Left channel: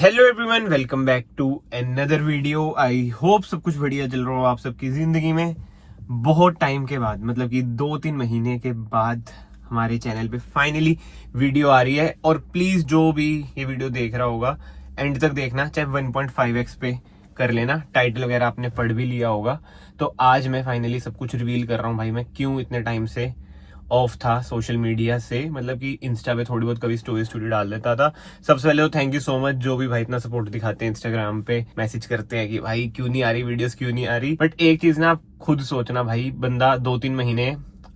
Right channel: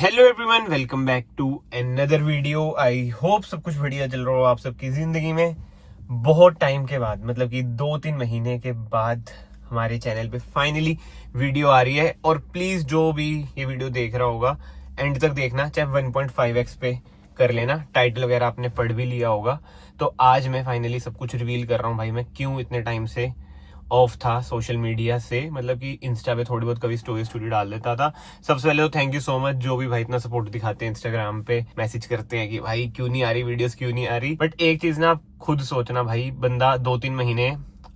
Hello everyone, welcome back to another video. I hope सब कुछ बढ़िया चल रहा हो आप सबकी जिंदगी में। बहुत टाइम के बाद, मतलब कि 2-3 महीने के बाद हमारे चैनल पे फाइनली वीडियो आ रही है। और प्लीज जो भी ये वीडियो देख रहा होगा एंड तक देखना, चाहे 1.5x पे कर लेना। टाइटल वगैरह आपने पढ़ भी लिया होगा। तो आज मैं फाइनली सब कुछ रिवील कर रहा हूँ भाई। मैं क्यों इतने टाइम से ऑफ था सोशल मीडिया से, मतलब कि इंस्टा पे थोड़ी बहुत कभी स्टोरी डाल देता था। सबसे पहले तो थैंक यू सो मच जो भी भाई इतना सपोर्ट दिखाते हैं, इंस्टाग्राम पे मैसेज करते हैं कि भाई क्यों नहीं आ रही वीडियोस, क्यों नहीं आ रही। बट एक चीज ना, आप खुद सोचना भाई, बंदा 2-3 महीने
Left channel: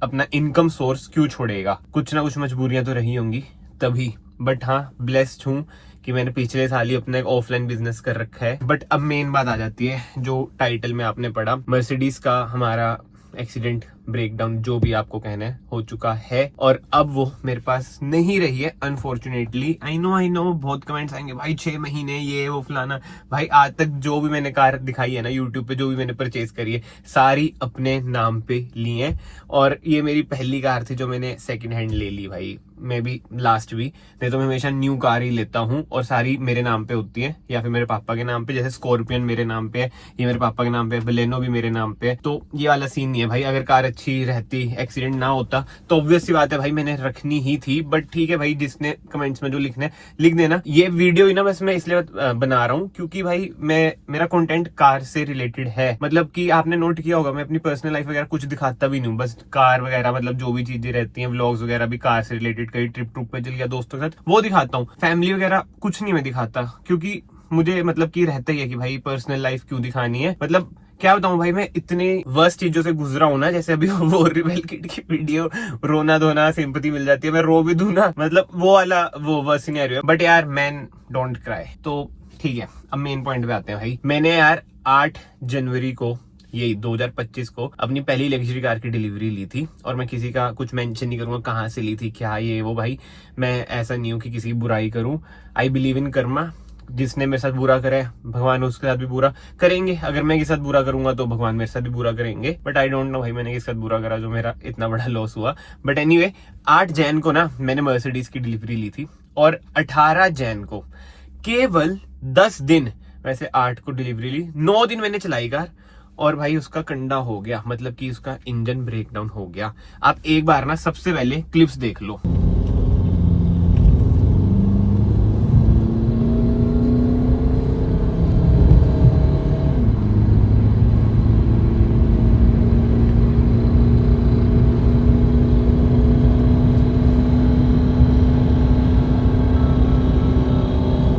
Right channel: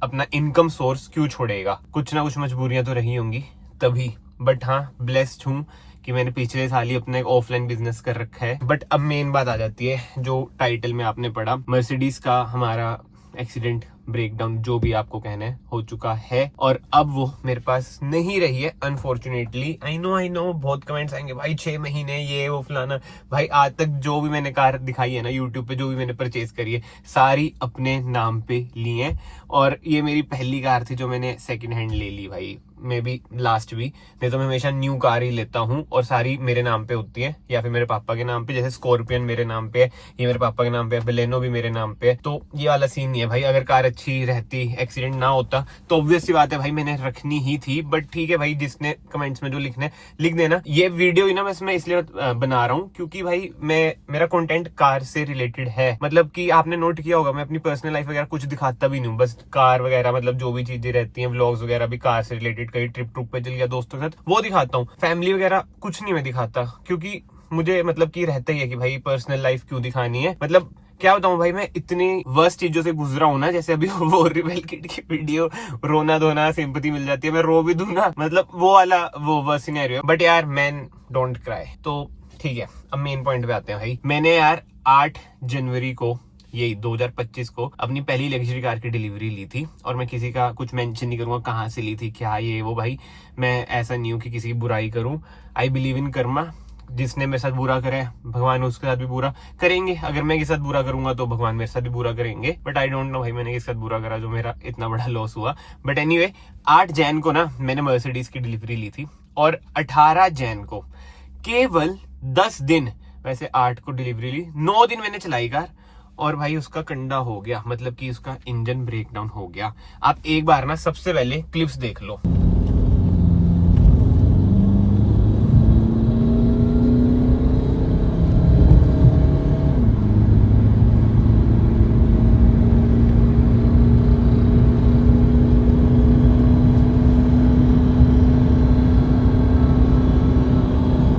अपना इनकम सोर्स क्यों छोड़ेगा? कुछ ना कुछ मजबूरियां तो रही होंगी तभी। बट हाँ, ब्लेस्ड हूँ कि मैंने पिछले साल ही अपना एक ऑफलाइन बिजनेस कर रखा है। बट अब मेन बात आ जाती है, जो टाइटल में आपने पढ़ा, मर्सिडीज का हमारा एक्सीडेंट, ब्रेकडाउन, जो भी आपको कहना है, हो चुका है। और अब वो मेरे पास नहीं रही है अनफॉर्चुनेटली। आई नो बहुत कमेंट्स आएंगे भाई, 6 महीने ये वो फलाना। भाई आज तक जो भी मैंने कार दिखाई है ना यूट्यूब पे, जो भी मैंने परचेज करी है, सारी अपने नाम पे ली है। और ये मेरी पहली कार थी जो मैंने सेकंड हैंड ले ली भाई, मे बी लास्ट भी। नहीं तो मैं हमेशा न्यू कार ही लेता हूँ और सारी मेरे नाम पे होती है या फिर मेरे पापा के नाम पे। जैसे स्कॉर्पियन मेरे नाम पे है, ये मेरे पापा के नाम पे है, बलेनो भी मेरे नाम पे है। तो ये वाला सीन नहीं है भाई। अगर कार अच्छी रहती, एक्सीडेंट ना होता, तो ऑब्वियस सी बात है भाई मैंने रखनी ही थी। बट ठीक है भाई, जिसने कमेंट्स में जो लिखने लिख देना। ये वीडियो ही ना बस मैं इसलिए बना रहा हूँ क्योंकि भाई मेरा कंटेंट कार से रिलेटेड है। मतलब कि आपने नोट किया होगा, मैं अपनी पर्सनल लाइफ वगैरह कुछ दिखाता भी नहीं हूँ, बस कार वगैरह, मतलब जो भी चीजें रहती हैं, व्लॉग्स वगैरह भी कार से रिलेटेड, कहीं ट्रिप पे चल गया दोस्तों के साथ, वो दिखाता हूँ। फैमिली वगैरह कुछ नहीं मैं दिखाता, क्योंकि मुझे मतलब कि रहता ही है कि भाई पर्सनल लाइफ क्यों दिखानी है। मतलब क्या बताऊं भाई, मैं इतने वर्स्ट चीजों से गुजरा हूं ना। जैसे अभी वो रिबेल किड की वीडियो, रोना धोना, सिंपैथी मिल जाती है, मैं रो भी दूं ना, मतलब वो वाला वो वर्स्ट सिनेरियो है। बट यार, मैन डोंट क्राई। तो ठीक है, अब मेन पॉइंट पे आते हैं भाई। मैंने यार 8 जनवरी को, यही 2025 को, अपनी पहली लग्जरी कार की डिलीवरी ली थी। और मैं किसी का कुछ मेंशन नहीं करूंगा कहाँ से ली थी, क्या ये वो। भाई मैं ऐसा नहीं हूं कि किसी की बुराई करूं। I believe in Karma. जिसने मेरे साथ बुरा करे, भगवान उसके साथ भी बुरा करेंगे। अगर मैं किसी साथ बुरा करूंगा तो भगवान मेरे साथ भी बुरा करेंगे। बट आई डोंट नो भाई मैंने किसके साथ बुरा करा जो मेरा इतना बड़ा लॉस हुआ। बट एनीवे, 8 जैन को ना मैंने मर्सिडीज की डिलीवरी ली थी। और 18 जैन को, केवल 10 दिन, वैसे 8 को डिलीवरी ली, 9 दिन मैंने चलाई कार। और भाई उसका कंडा हो गया, मतलब कि उसका इंजन ब्रेकडाउन हो गया। आप एक बार ना सबसे पहले क्लिप्स देख लो।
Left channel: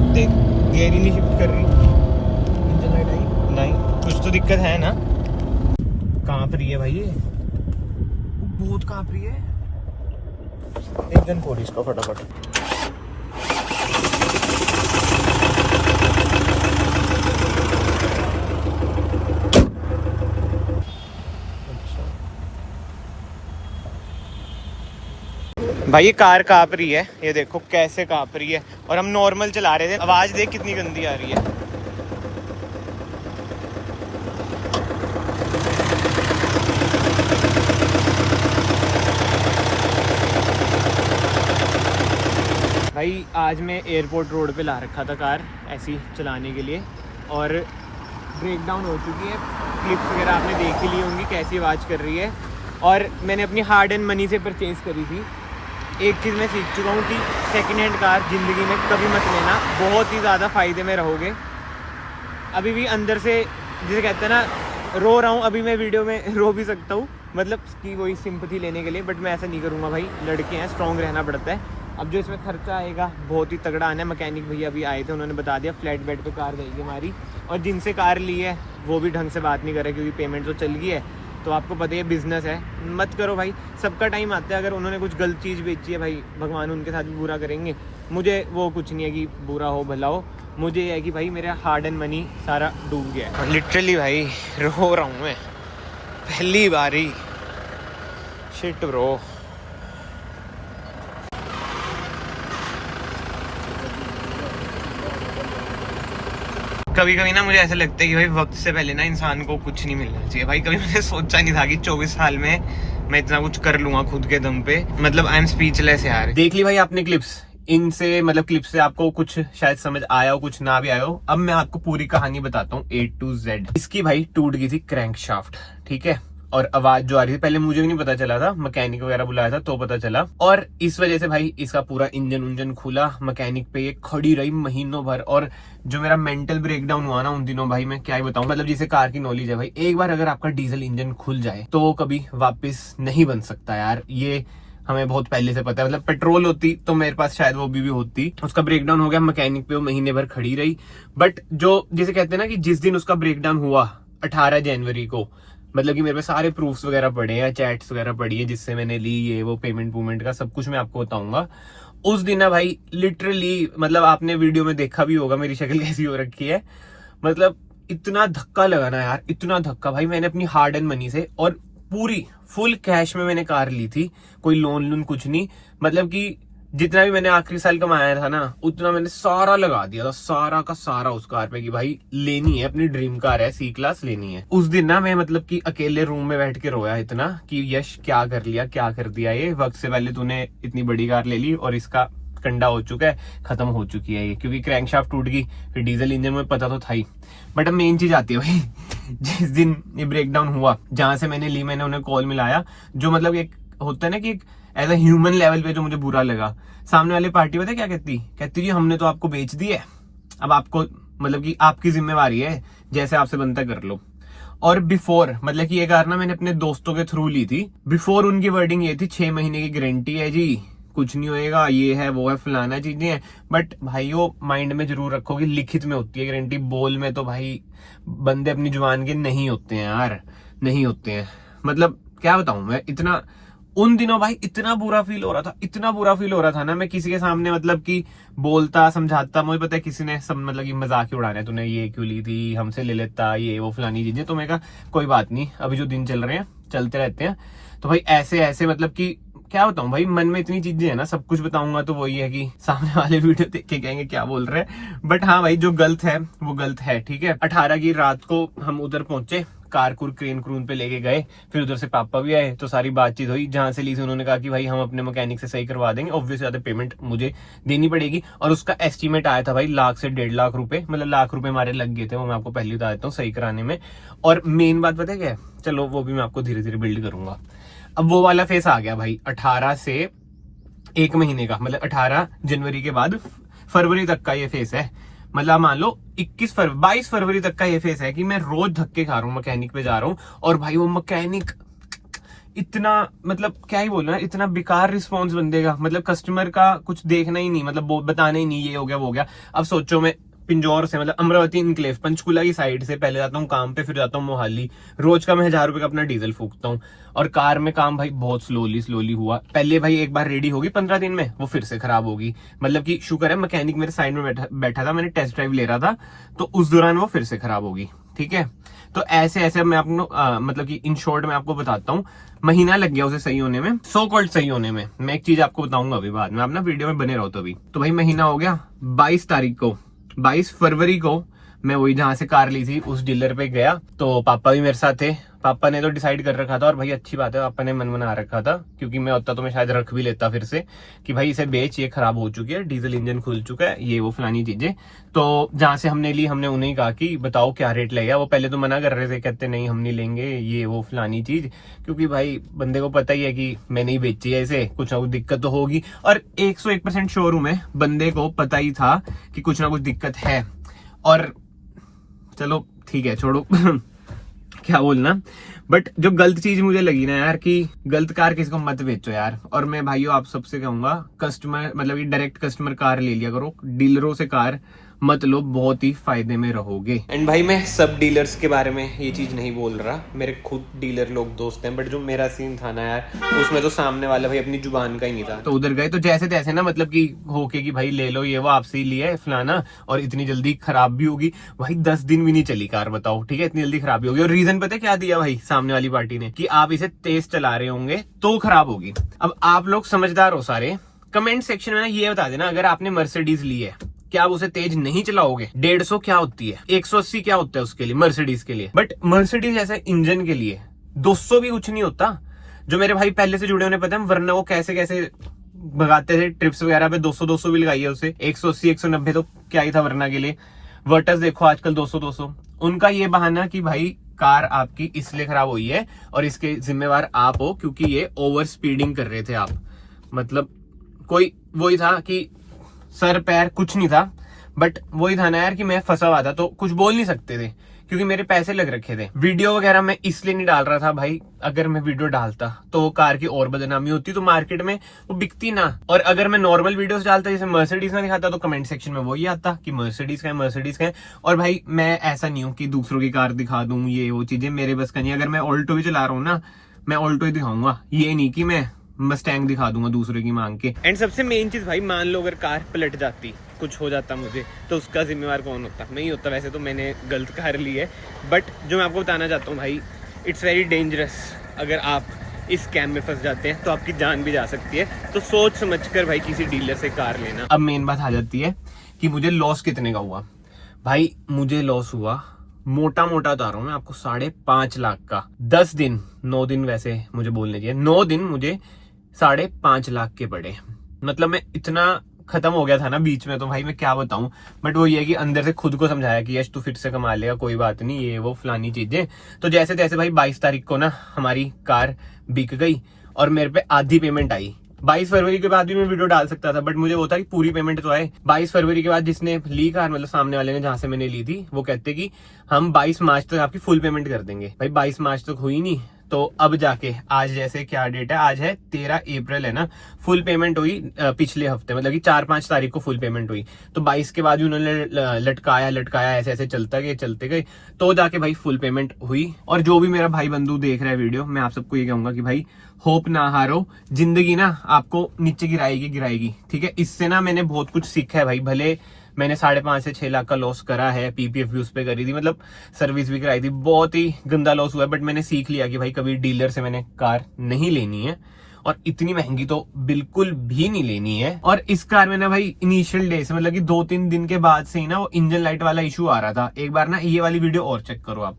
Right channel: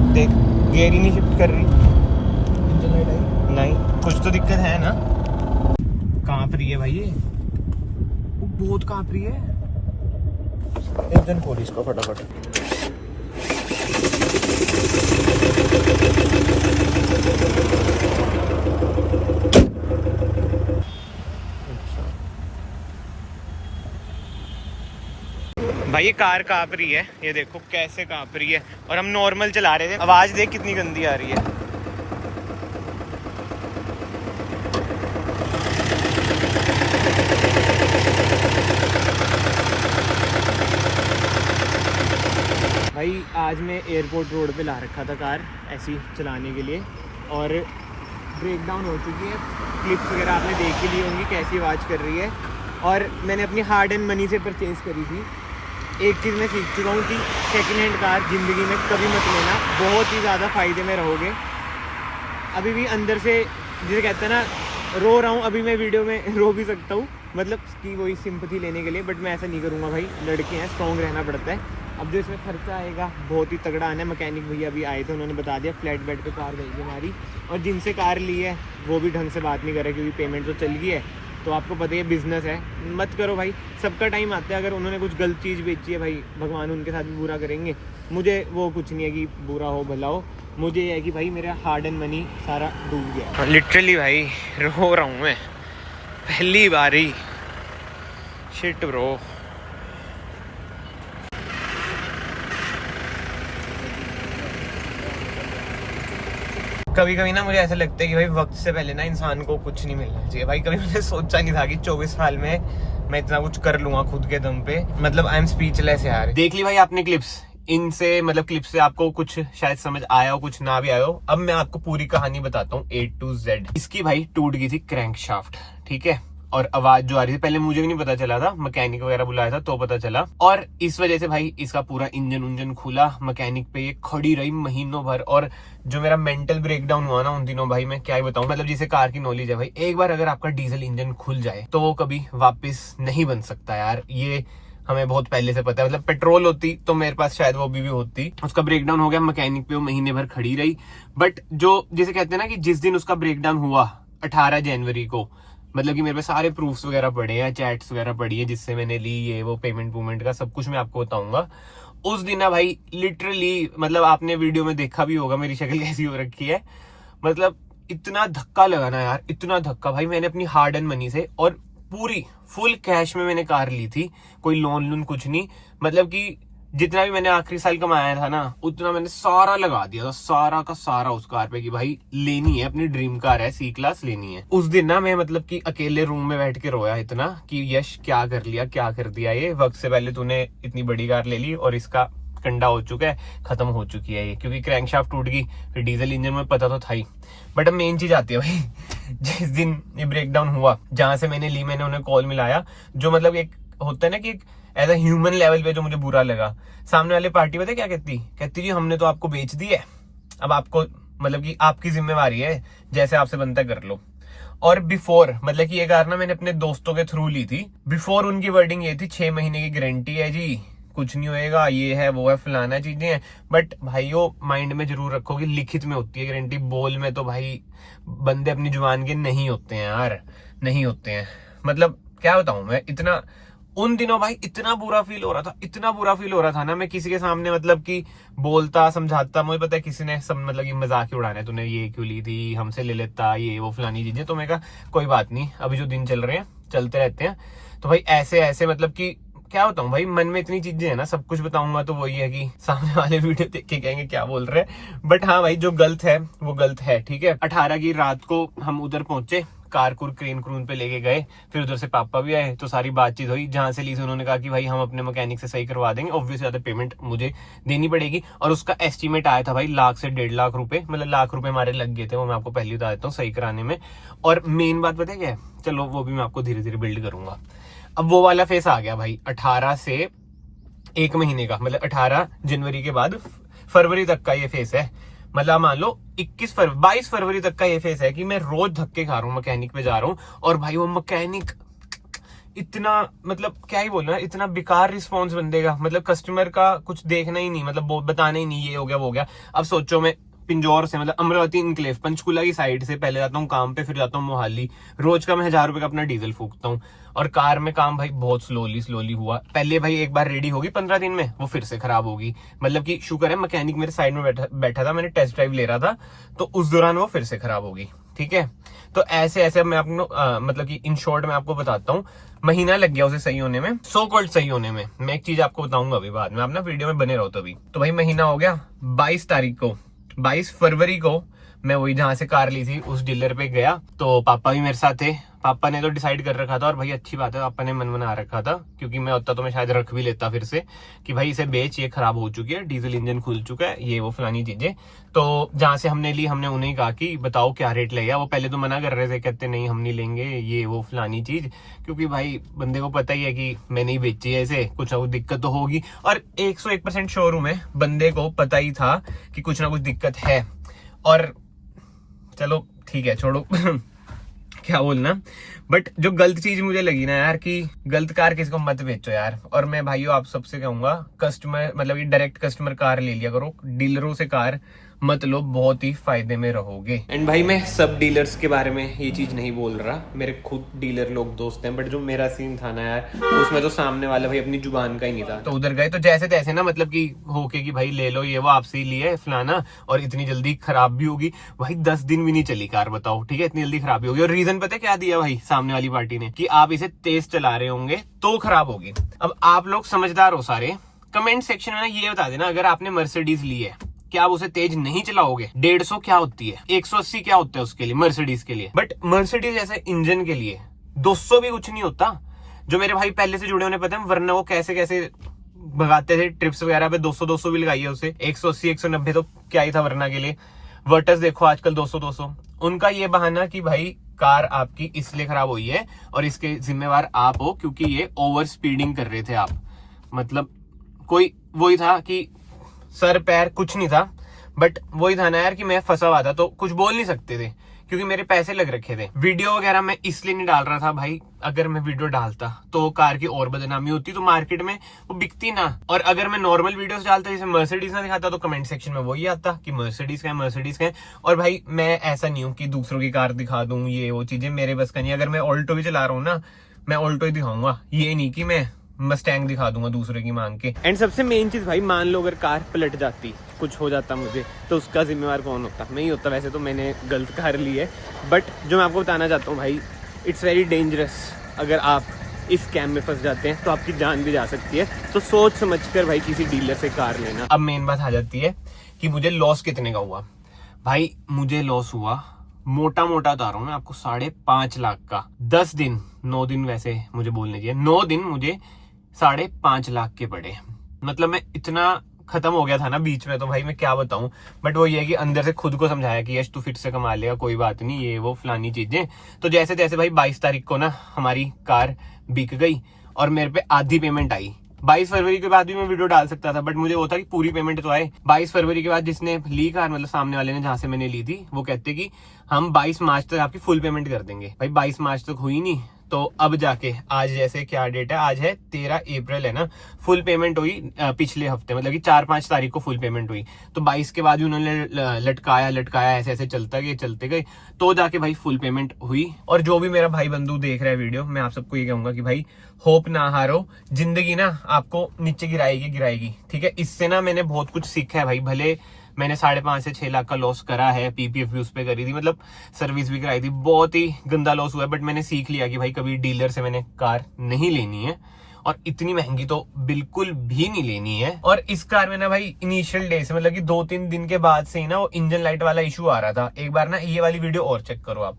देख, गियर ही नहीं शिफ्ट कर रही। इंजन लाइट आई नहीं, कुछ तो दिक्कत है ना। कांप रही है भाई, ये बहुत कांप रही है। इंजन खोल इसको फटाफट। भाई ये कार कांप रही है, ये देखो कैसे कांप रही है। और हम नॉर्मल चला रहे थे, आवाज देख कितनी गंदी आ रही है। भाई आज मैं एयरपोर्ट रोड पे ला रखा था कार ऐसी चलाने के लिए, और ब्रेकडाउन हो चुकी है। क्लिप्स वगैरह आपने देख ही ली होंगी कैसी आवाज़ कर रही है। और मैंने अपनी हार्ड एंड मनी से परचेज करी थी। एक चीज़ मैं सीख चुका हूँ कि सेकंड हैंड कार ज़िंदगी में कभी मत लेना, बहुत ही ज़्यादा फ़ायदे में रहोगे। अभी भी अंदर से, जिसे कहते हैं ना, रो रहा हूँ। अभी मैं वीडियो में रो भी सकता हूँ, मतलब कि वही सिंपैथी लेने के लिए। बट मैं ऐसा नहीं करूँगा भाई, लड़के हैं, स्ट्रॉन्ग रहना पड़ता है। अब जो इसमें खर्चा आएगा बहुत ही तगड़ा आना है। मैकेनिक भैया अभी आए थे, उन्होंने बता दिया फ्लैट बेड पे कार जाएगी हमारी। और जिनसे कार ली है वो भी ढंग से बात नहीं कर रहे, क्योंकि पेमेंट तो चल गई है। तो आपको पता है बिजनेस है, मत करो भाई। सबका टाइम आता है। अगर उन्होंने कुछ गलत चीज़ बेची है भाई, भगवान उनके साथ भी बुरा करेंगे। मुझे वो कुछ नहीं है कि बुरा हो भला हो, मुझे ये है कि भाई मेरा हार्ड एंड मनी सारा डूब गया है। लिटरली भाई रो रहा हूँ मैं, पहली बारी। Shit bro. कभी कभी ना मुझे ऐसा लगता है कि भाई वक्त से पहले ना इंसान को कुछ नहीं मिलना चाहिए भाई। कभी मैंने सोचा नहीं था कि 24 साल में मैं इतना कुछ कर लूंगा खुद के दम पे। मतलब आई एम स्पीचलेस यार। देख ली भाई आपने क्लिप्स, इनसे मतलब क्लिप से आपको कुछ शायद समझ आया हो, कुछ ना भी आया हो। अब मैं आपको पूरी कहानी बताता हूँ A to Z। इसकी भाई टूट गई थी क्रैंकशाफ्ट, ठीक है, और आवाज जो आ रही थी, पहले मुझे भी नहीं पता चला था, मैकेनिक वगैरह बुलाया था तो पता चला। और इस वजह से भाई इसका पूरा इंजन खुला, मैकेनिक पे ये खड़ी रही महीनों भर। और जो मेरा मेंटल ब्रेकडाउन हुआ ना उन दिनों, भाई मैं क्या ही बताऊं। मतलब जिसे कार की नॉलेज है भाई, एक बार अगर आपका डीजल इंजन खुल जाए तो वो कभी वापस नहीं बन सकता यार, ये हमें बहुत पहले से पता है। मतलब पेट्रोल होती तो मेरे पास शायद वो भी होती। उसका ब्रेकडाउन हो गया, मैकेनिक पे वो महीने भर खड़ी रही। बट जो जिसे कहते हैं ना कि जिस दिन उसका ब्रेकडाउन हुआ 18 जनवरी को, मतलब कि मेरे पे सारे प्रूफ्स वगैरह पड़े हैं, चैट्स वगैरह पड़ी है जिससे मैंने ली, ये वो पेमेंट का सब कुछ मैं आपको बताऊंगा। उस दिन ना भाई लिटरली, मतलब आपने वीडियो में देखा भी होगा मेरी शक्ल कैसी हो रखी है, मतलब इतना धक्का लगा ना यार, इतना धक्का भाई। मैंने अपनी हार्ड एंड मनी से और पूरी फुल कैश में मैंने कार ली थी, कोई लोन कुछ नहीं। मतलब कि जितना भी मैंने आखिरी साल कमाया था ना उतना मैंने सारा लगा दिया था, सारा का सारा उस कार पे कि भाई लेनी है, अपनी ड्रीम कार है, C क्लास लेनी है। उस दिन ना मैं मतलब कि अकेले रूम में बैठ के रोया इतना कि यश क्या कर लिया, क्या कर दिया, ये वक्त से पहले तूने इतनी बड़ी कार ले ली और इसका कंडा हो चुका है, खत्म हो चुकी है ये, क्योंकि क्रैंकशाफ्ट टूट गई। फिर डीजल इंजन में पता तो था ही। बट अब मेन चीज आती है भाई जिस दिन ये ब्रेकडाउन हुआ, जहां से मैंने ली, मैंने उन्हें कॉल मिलाया। जो मतलब एक होता है ना कि एक एज अ ह्यूमन लेवल पे जो मुझे बुरा लगा, सामने वाले पार्टी पता है क्या कहती जी हमने तो आपको बेच दी है, अब आपको मतलब कि आपकी जिम्मेवारी है, जैसे आपसे बनता कर लो। और बिफोर मतलब कि ये कार ना मैंने अपने दोस्तों के थ्रू ली थी। बिफोर उनकी वर्डिंग ये थी 6 महीने की गारंटी है जी, कुछ नहीं होएगा, ये है वो है फलाना चीजें हैं। बट भाई वो माइंड में जरूर रखोगे लिखित में होती है गारंटी, बोल में तो भाई बंदे अपनी जुबान के नहीं होते हैं यार, नहीं होते हैं। मतलब क्या बताऊं मैं, इतना उन दिनों भाई इतना बुरा फील हो रहा था, इतना बुरा फील हो रहा था ना, मैं किसी के सामने मतलब कि बोलता समझाता, मुझे पता है किसी ने सब मतलब कि मजाक ही उड़ाना है, तूने ये क्यों ली थी, हमसे ले लेता, ये वो फलानी चीजें। तो मैं कहा कोई बात नहीं, अभी जो दिन चल रहे हैं चलते रहते हैं। तो भाई ऐसे ऐसे मतलब कि क्या बताऊं भाई, मन में इतनी चीजें है ना, सब कुछ बताऊंगा तो वही है कि सामने वाले वीडियो देख के कहेंगे क्या बोल रहे हैं। बट हाँ भाई जो गलत है वो गलत है, ठीक है। 18 की रात को हम उधर पहुंचे, कार क्रेन पे लेके गए, फिर उधर से पापा भी आए, तो सारी बातचीत हुई। जहां से ली थी उन्होंने कहा कि भाई हम अपने मैकेनिक से सही करवा देंगे, ऑब्वियस ज्यादा पेमेंट मुझे देनी पड़ेगी। और उसका एस्टीमेट आया था भाई 1 लाख से 1.5 लाख रुपए, मतलब 1 लाख रुपए हमारे लग गए थे, वो मैं आपको पहले बता देता हूँ सही कराने में। और मेन बात पता है क्या है, चलो वो भी मैं आपको धीरे धीरे बिल्ड करूंगा। अब वो वाला फेस आ गया भाई 18 से 1 महीने का, मतलब 18 जनवरी के बाद फरवरी तक का ये फेस है। मतलब मान लो 22 फरवरी तक का ये फेस है कि मैं रोज धक्के खा रहा हूँ, मैकेनिक पे जा रहा हूँ। और भाई वो मैकेनिक इतना, मतलब क्या ही बोलना, इतना बेकार रिस्पॉन्स बंदे का, मतलब कस्टमर का कुछ देखना ही नहीं, मतलब बताना ही नहीं ये हो गया वो हो गया। अब सोचो मैं पिंजौर से मतलब अमरावती इनक्लेव पंचकुला की साइड से पहले जाता हूँ काम पे, फिर जाता हूँ मोहाली, रोज का मैं 1000 रुपए का अपना डीजल फूकता हूँ। और कार में काम भाई बहुत स्लोली हुआ। पहले भाई एक बार रेडी होगी 15 दिन में, वो फिर से खराब होगी। मतलब कि शुक्र है मैकेनिक मेरे साइड में बैठा था, मैंने टेस्ट ड्राइव ले रहा था, तो उस दौरान वो फिर से खराब होगी, ठीक है। तो ऐसे ऐसे मैं आपको मतलब कि इन शॉर्ट मैं आपको बताता हूँ, महीना लग गया उसे सही होने में, सो कॉल्ड सही होने में। मैं एक चीज आपको बताऊंगा अभी बाद में, आप ना वीडियो में बने रहो। तो भाई महीना हो गया, 22 फरवरी को मैं वही जहां से कार ली थी उस डीलर पे गया, तो पापा भी मेरे साथ थे। पापा ने तो डिसाइड कर रखा था, और भाई अच्छी बात है पापा ने मन बना रखा था, क्योंकि मैं होता तो मैं शायद रख भी लेता फिर से कि भाई इसे बेच, ये खराब हो चुकी है, डीजल इंजन खुल चुका है, ये वो फलानी चीजें। तो जहां से हमने ली, हमने उन्हें कहा कि बताओ क्या रेट लगेगा। वो पहले तो मना कर रहे थे, कहते नहीं हम नहीं लेंगे ये वो फलानी चीज, क्योंकि भाई बंदे को पता ही है कि मैंने ही बेची है इसे, कुछ ना कुछ दिक्कत तो होगी। और 101% श्योर हूं मैं, बंदे को पता ही था कि कुछ ना कुछ दिक्कत है। और चलो ठीक है छोड़ो क्या बोलना। बट जो गलत चीज मुझे लगी ना यार, कि गलत कार किसी को मत बेचो यार। और मैं भाइयों आप सबसे कहूंगा, कस्टमर मतलब कि डायरेक्ट कस्टमर कार ले लिया करो, डीलरों से कार मत लो, बहुत ही फायदे में रहोगे। एंड भाई मैं सब डीलर्स के बारे में ये चीज नहीं बोल रहा, मेरे खुद डीलर लोग दोस्त हैं, बट जो मेरा सीन था ना यार, उसमें तो सामने वाला भाई अपनी जुबान का ही नहीं था। तो उधर गए तो जैसे तैसे ना, मतलब कि होके कि भाई ले लो, ये वो आपसे ही लिया फलाना, और इतनी जल्दी खराब भी होगी। भाई 10 दिन भी नहीं चली कार, बताओ, ठीक है, इतनी जल्दी खराब भी होगी। और रीजन पता है क्या दिया भाई सामने वाली पार्टी ने, कि आप इसे तेज चला रहे होंगे तो खराब होगी। अब आप लोग समझदार हो सारे, कमेंट सेक्शन में ना ये बता देना, अगर आपने मर्सिडीज ली है क्या आप उसे तेज नहीं चलाओगे। 150 क्या होती है, 180 क्या होता है उसके लिए, मर्सिडीज के लिए। बट मर्सिडीज ऐसे इंजन के लिए 200 भी कुछ नहीं होता। जो मेरे भाई पहले से जुड़े होने पता है, वरना वो कैसे कैसे भगाते थे ट्रिप्स वगैरह पे 200-200 भी लगाई है उसे, 180-190 तो क्या ही था वरना के लिए। वर्टस देखो आजकल 200-200। उनका ये बहाना कि भाई कार आपकी इसलिए खराब हुई है और इसके जिम्मेवार आप हो क्योंकि ये ओवर स्पीडिंग कर रहे थे आप। मतलब कोई वही था कि सर पैर कुछ नहीं था, बट वही था ना यार कि मैं फंसा हुआ था तो कुछ बोल नहीं सकते थे क्योंकि मेरे पैसे लग रखे थे। वीडियो वगैरह मैं इसलिए नहीं डाल रहा था भाई, अगर मैं वीडियो डालता तो कार की और बदनामी होती तो मार्केट में वो बिकती ना। और अगर मैं नॉर्मल वीडियोस डालता जैसे मर्सिडीज ना दिखाता तो कमेंट सेक्शन में वही आता कि मर्सिडीज का है, मर्सिडीज का है। और भाई मैं ऐसा नहीं हूँ कि दूसरों की कार दिखा दूं, ये वो चीजें मेरे बस का नहीं। अगर मैं ऑल्टो भी चला रहा हूँ ना, मैं ऑल्टो ही दिखाऊंगा, ये नहीं कि मैं मस्टैंग दिखा दूंगा दूसरे की मांग के। एंड सबसे मेन चीज भाई, मान लो अगर कार पलट जाती, कुछ हो जाता मुझे, तो उसका जिम्मेवार कौन होता? मैं ही होता। वैसे तो मैंने गलत कार ली है, बट जो मैं आपको बताना चाहता हूँ भाई, इट्स वेरी डेंजरस। अगर आप इस स्कैम में फंस जाते हैं तो आपकी जान भी जा सकती है, तो सोच समझ कर भाई किसी डीलर से कार लेना। अब मेन बात आ जाती है कि मुझे लॉस कितने का हुआ। भाई मुझे लॉस हुआ, मोटा मोटा बता रहा हूँ मैं आपको, 5.5 लाख का। 10 दिन, 9 दिन वैसे मुझे बोलने चाहिए, 9 दिन मुझे 5.5 लाख के पड़े। मतलब मैं इतना खत्म हो गया था ना बीच में, तो भाई मैं क्या बताऊं। बट वो ये है कि अंदर से खुद को समझाया कि यश तू फिर से कमा लेगा, कोई बात नहीं, ये वो फलानी चीजें। तो जैसे तैसे भाई 22 तारीख को ना हमारी कार बिक गई और मेरे पे आधी पेमेंट आई। 22 फरवरी के बाद भी मैं वीडियो डाल सकता था, बट मुझे वो था कि पूरी पेमेंट तो आए। 22 फरवरी के बाद जिसने ली कार, मतलब सामने वाले ने जहां से मैंने ली थी, वो कहते कि हम 22 मार्च तक आपकी फुल पेमेंट कर देंगे। भाई 22 मार्च तक हुई नहीं, तो अब जाके आज जैसे क्या डेट है, आज है 13 अप्रैल है ना, फुल पेमेंट हुई पिछले हफ्ते, मतलब कि 4-5 तारीख को फुल पेमेंट हुई। तो 22 के बाद भी उन्होंने लटकाया ऐसे ऐसे चलते गए तो जाके भाई फुल पेमेंट हुई। और जो भी मेरा भाई बंधु देख रहा है वीडियो, मैं आप सबको ये कहूंगा कि भाई होप ना हारो, जिंदगी ना आपको नीचे गिराएगी, ठीक है। इससे ना मैंने बहुत कुछ सीखा है भाई। भले मैंने 5.5 से 6 लाख का लॉस करा है, पीपीएफ भी उस पे करी थी, मतलब सर्विस भी कराई थी, बहुत ही गंदा लॉस हुआ है, बट मैंने सीख लिया कि भाई कभी डीलर से मैंने कार नहीं लेनी है, और इतनी महंगी तो बिल्कुल भी नहीं लेनी है। और इस कार में ना भाई इनिशियल डे से, मतलब कि 2-3 दिन के बाद से ही ना वो इंजन लाइट वाला इशू आ रहा था। एक बार ना ये वाली वीडियो और चेक करो आप,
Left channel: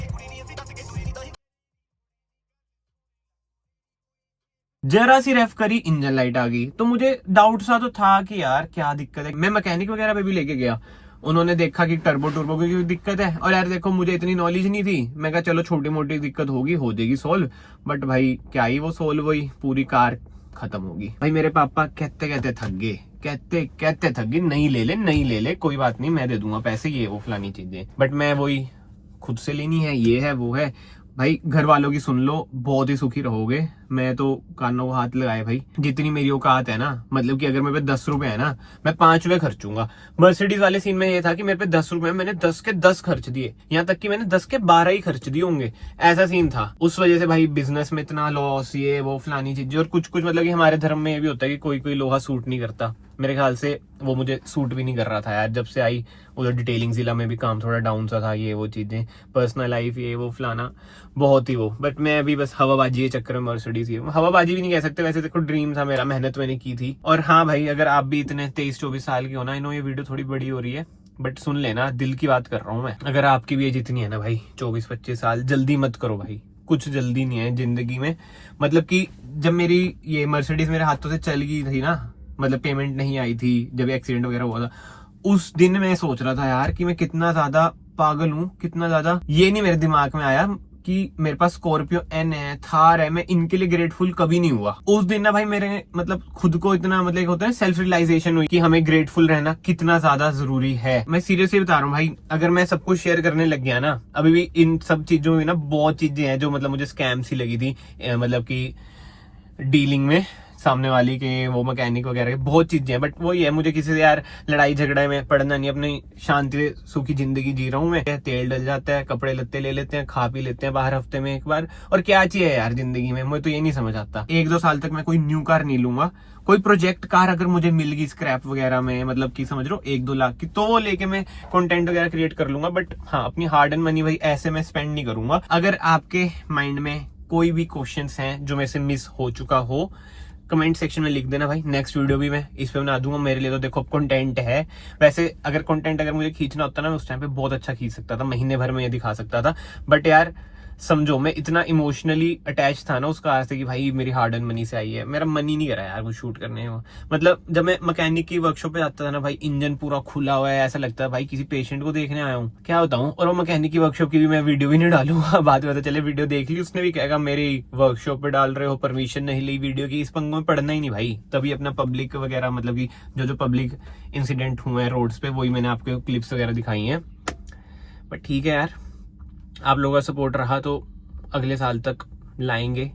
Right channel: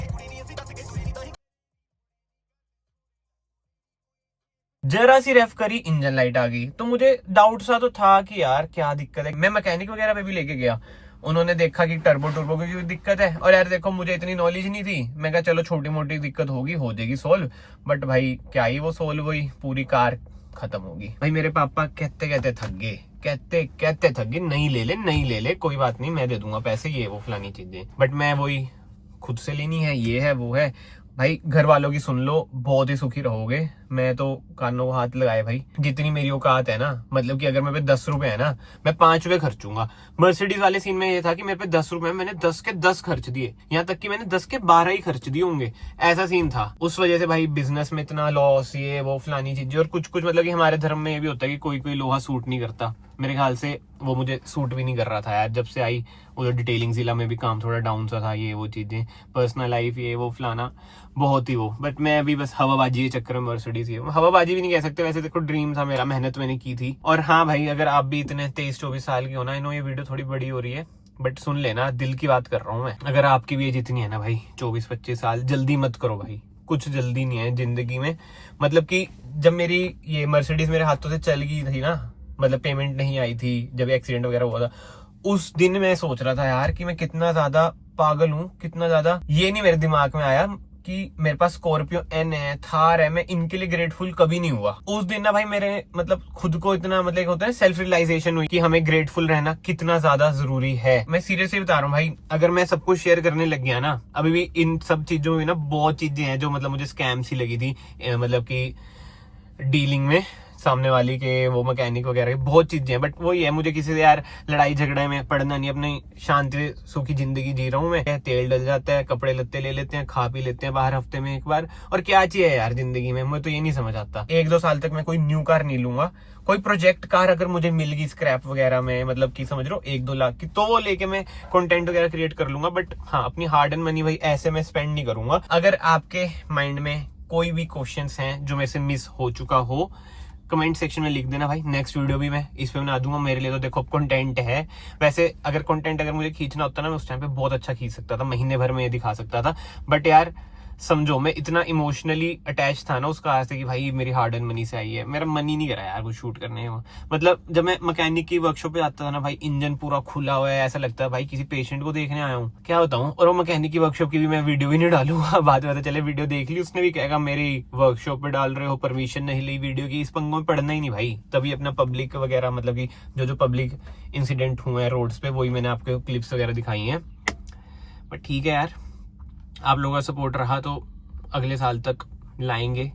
जरा सी रेफ करी इंजन लाइट आ गई। तो मुझे डाउट सा तो था कि यार क्या दिक्कत है। मैं मैकेनिक वगैरह पे भी लेके गया, उन्होंने देखा कि टर्बो की कोई दिक्कत है। और यार देखो मुझे इतनी नॉलेज नहीं थी, मैं कहा चलो छोटी मोटी दिक्कत होगी, हो जाएगी सोल्व। बट भाई क्या ही वो सोल्व हुई, पूरी कार खत्म होगी। भाई मेरे पापा कहते कहते थक गए, नहीं ले ले कोई बात नहीं, मैं दे दूंगा पैसे, ये वो फलानी चीजें। बट मैं वही खुद से लेनी है, ये है वो है। भाई घर वालों की सुन लो, बहुत ही सुखी रहोगे। मैं तो कानों को हाथ लगाए भाई, जितनी मेरी औकात है ना, मतलब कि अगर मेरे पे 10 रुपए है ना, मैं 5 रुपए खर्चूंगा। मर्सिडीज वाले सीन में ये था कि मेरे पे 10 रुपए, मैंने 10 के 10 खर्च दिए, यहाँ तक कि मैंने 10 के 12 ही खर्च दिए होंगे, ऐसा सीन था। उस वजह से भाई बिजनेस में इतना लॉस, ये वो फलानी चीजें। और कुछ मतलब कि हमारे धर्म में ये भी होता है कि कोई लोहा सूट नहीं करता। मेरे ख्याल से वो मुझे सूट भी नहीं कर रहा था यार, जब से आई उधर डिटेलिंग जिला में भी काम थोड़ा डाउन सा था, ये वो चीजें, पर्सनल लाइफ ये वो फलाना, बहुत ही वो। बट मैं अभी बस हवाबाजी के चक्कर में मर्सिडीज की, हवाबाजी भी नहीं कह सकते, वैसे देखो ड्रीम था मेरा, मेहनत मैंने की थी। और हाँ भाई अगर आप भी इतने 23-24 साल की हो ना, इन्हों ये वीडियो थोड़ी बड़ी हो रही है, बट सुन लेना, दिल की बात कर रहा हूँ मैं। अगर आपकी भी एज इतनी है ना भाई, 24-25 साल, जल्दी मत करो भाई, कुछ जल्दी नहीं है जिंदगी में। मतलब कि जब मेरी ये मर्सिडीज मेरे हाथों से चल गई थी ना, मतलब पेमेंट नहीं आई थी, जब एक्सीडेंट वगैरह हुआ था, उस दिन मैं सोच रहा था यार कि मैं कितना ज्यादा पागल हूँ, कितना ज्यादा। ये नहीं मेरे दिमाग में आया कि मेरे पास स्कॉर्पियो एन है, थार है, मैं इनके लिए ग्रेटफुल कभी नहीं हुआ। उस दिन ना भाई मेरे मतलब खुद को इतना, मतलब होता है सेल्फ रियलाइजेशन हुई कि हमें ग्रेटफुल रहना कितना ज्यादा जरूरी है। मैं सीरियसली बता रहा हूँ भाई, अगर मैं सब कुछ शेयर करने लग गया ना, अभी भी इन सब चीजों में ना बहुत चीजें हैं जो मतलब मुझे स्कैम सी लगी थी, मतलब की डीलिंग में, सामने वाली के वो मैकेनिक वगैरह के, बहुत चीजें हैं। बट वही है, मुझे किसी से यार लड़ाई झगड़े में पड़ना नहीं, अपनी शांति सुखी जिंदगी जी रहा हूँ मैं। तेल डल जाता है, कपड़े लत्ते ले लेते हैं, खा पी लेते हैं बाहर हफ्ते में एक बार, और क्या चाहिए यार जिंदगी में, मैं तो ये नहीं समझ आता। 1-2 साल तक मैं कोई न्यू कार नहीं लूंगा, कोई प्रोजेक्ट कार अगर मुझे मिल गई स्क्रैप वगैरह में, मतलब कि समझ लो 1-2 लाख की, तो वो लेके मैं कंटेंट वगैरह क्रिएट कर लूंगा। बट हाँ, अपनी हार्ड एंड मनी भाई ऐसे में स्पेंड नहीं करूंगा। अगर आपके माइंड में कोई भी क्वेश्चंस हैं जो मेरे से मिस हो चुका हो, कमेंट सेक्शन में लिख देना भाई, नेक्स्ट वीडियो भी मैं इस पे बना दूंगा। मेरे लिए तो देखो कंटेंट है, वैसे अगर मुझे खींचना होता ना, मैं उस टाइम पे बहुत अच्छा खींच सकता था, महीने भर में ये दिखा सकता था। बट यार समझो मैं इतना इमोशनली अटैच था ना उसका आज से कि भाई मेरी हार्ड एंड मनी से आई है, मेरा मन ही नहीं करा यार कुछ शूट करने को। मतलब जब मैं मैकेनिक की वर्कशॉप पे जाता था ना भाई, इंजन पूरा खुला हुआ है, ऐसा लगता है भाई किसी पेशेंट को देखने आया हूँ, क्या बताऊँ। और वो मैकेनिक की वर्कशॉप की भी मैं वीडियो भी नहीं डालूंगा, बाद में पता चले वीडियो देख ली उसने भी कहेगा मेरी वर्कशॉप पे डाल रहे हो, परमिशन नहीं ली वीडियो की। इस पंगों में पड़ना ही नहीं भाई। तभी अपना पब्लिक वगैरह, मतलब कि जो पब्लिक इंसिडेंट हुए हैं रोड्स पे, वही मैंने आपको क्लिप्स वगैरह दिखाई हैं। बट ठीक है यार, आप लोगों का सपोर्ट रहा तो अगले साल तक लाएंगे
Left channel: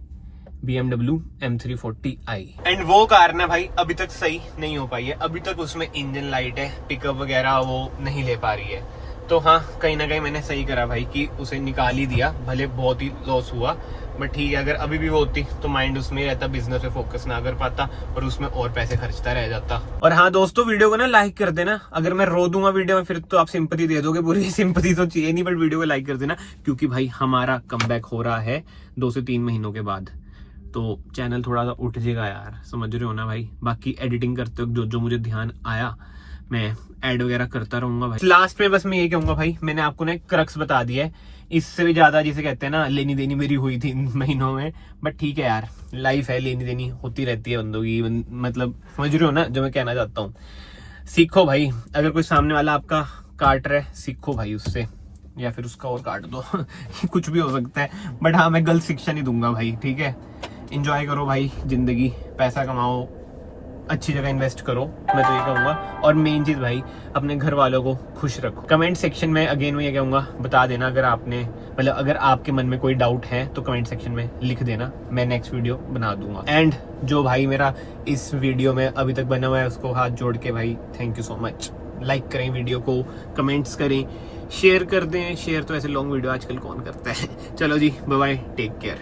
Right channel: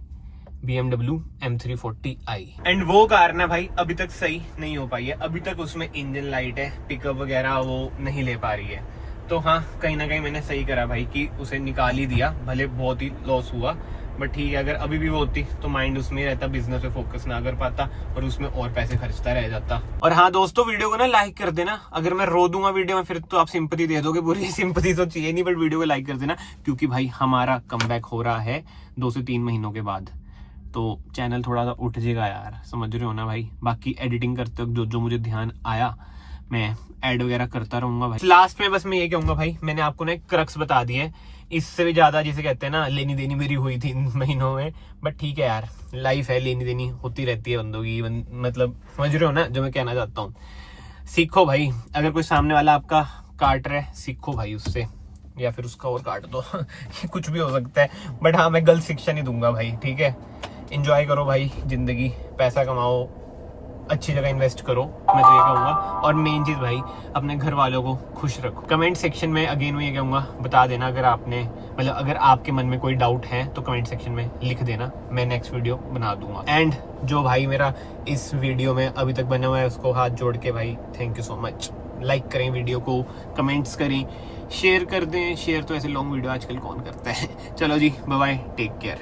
BMW M340i। एंड वो कार ना भाई अभी तक सही नहीं हो पाई है, अभी तक उसमें इंजन लाइट है, पिकअप वगैरह वो नहीं ले पा रही है। तो हाँ, कहीं ना कहीं मैंने सही करा भाई कि उसे निकाल ही दिया, भले बहुत ही लॉस हुआ, बट ठीक है। अगर अभी भी वो होती तो माइंड उसमें रहता, बिजनेस पे फोकस ना कर पाता और उसमें और पैसे खर्चता रह जाता। और हाँ दोस्तों, वीडियो को ना लाइक कर देना। अगर मैं रो दूंगा वीडियो में फिर तो आप सिंपैथी दे दोगे, पूरी सिंपैथी तो चाहिए नहीं, बट वीडियो को लाइक कर देना, क्योंकि भाई हमारा कमबैक हो रहा है 2 से 3 महीनों के बाद। तो चैनल थोड़ा सा उठ जाएगा यार, समझ रहे हो ना भाई। बाकी एडिटिंग करते वक्त जो मुझे ध्यान आया मैं ऐड वगैरह करता रहूंगा भाई। लास्ट में बस मैं ये कहूंगा भाई, मैंने आपको ना एक क्रक्स बता दिया है, इससे भी ज्यादा जिसे कहते हैं ना लेनी देनी मेरी हुई थी इन महीनों में। बट ठीक है यार, लाइफ है, लेनी देनी होती रहती है बंदों की, मतलब समझ रहे हो ना जो मैं कहना चाहता हूँ। सीखो भाई, अगर कोई सामने वाला आपका काट रहा है, सीखो भाई उससे, या फिर उसका और काट दो कुछ भी हो सकता है। बट हाँ, मैं गलत शिक्षा नहीं दूंगा भाई, ठीक है। इंजॉय करो भाई जिंदगी, पैसा कमाओ, अच्छी जगह इन्वेस्ट करो, मैं तो ये कहूंगा। और मेन चीज भाई, अपने घर वालों को खुश रखो। कमेंट सेक्शन में अगेन मैं ये कहूंगा, बता देना अगर आपने, मतलब अगर आपके मन में कोई डाउट है तो कमेंट सेक्शन में लिख देना, मैं नेक्स्ट वीडियो बना दूंगा। एंड जो भाई मेरा इस वीडियो में अभी तक बना हुआ है उसको हाथ जोड़ के भाई thank you so much. Like करें वीडियो को, कमेंट्स करें, शेयर कर दें। शेयर तो ऐसे लॉन्ग वीडियो आजकल कौन करता है। चलो जी, बाय बाय, टेक केयर।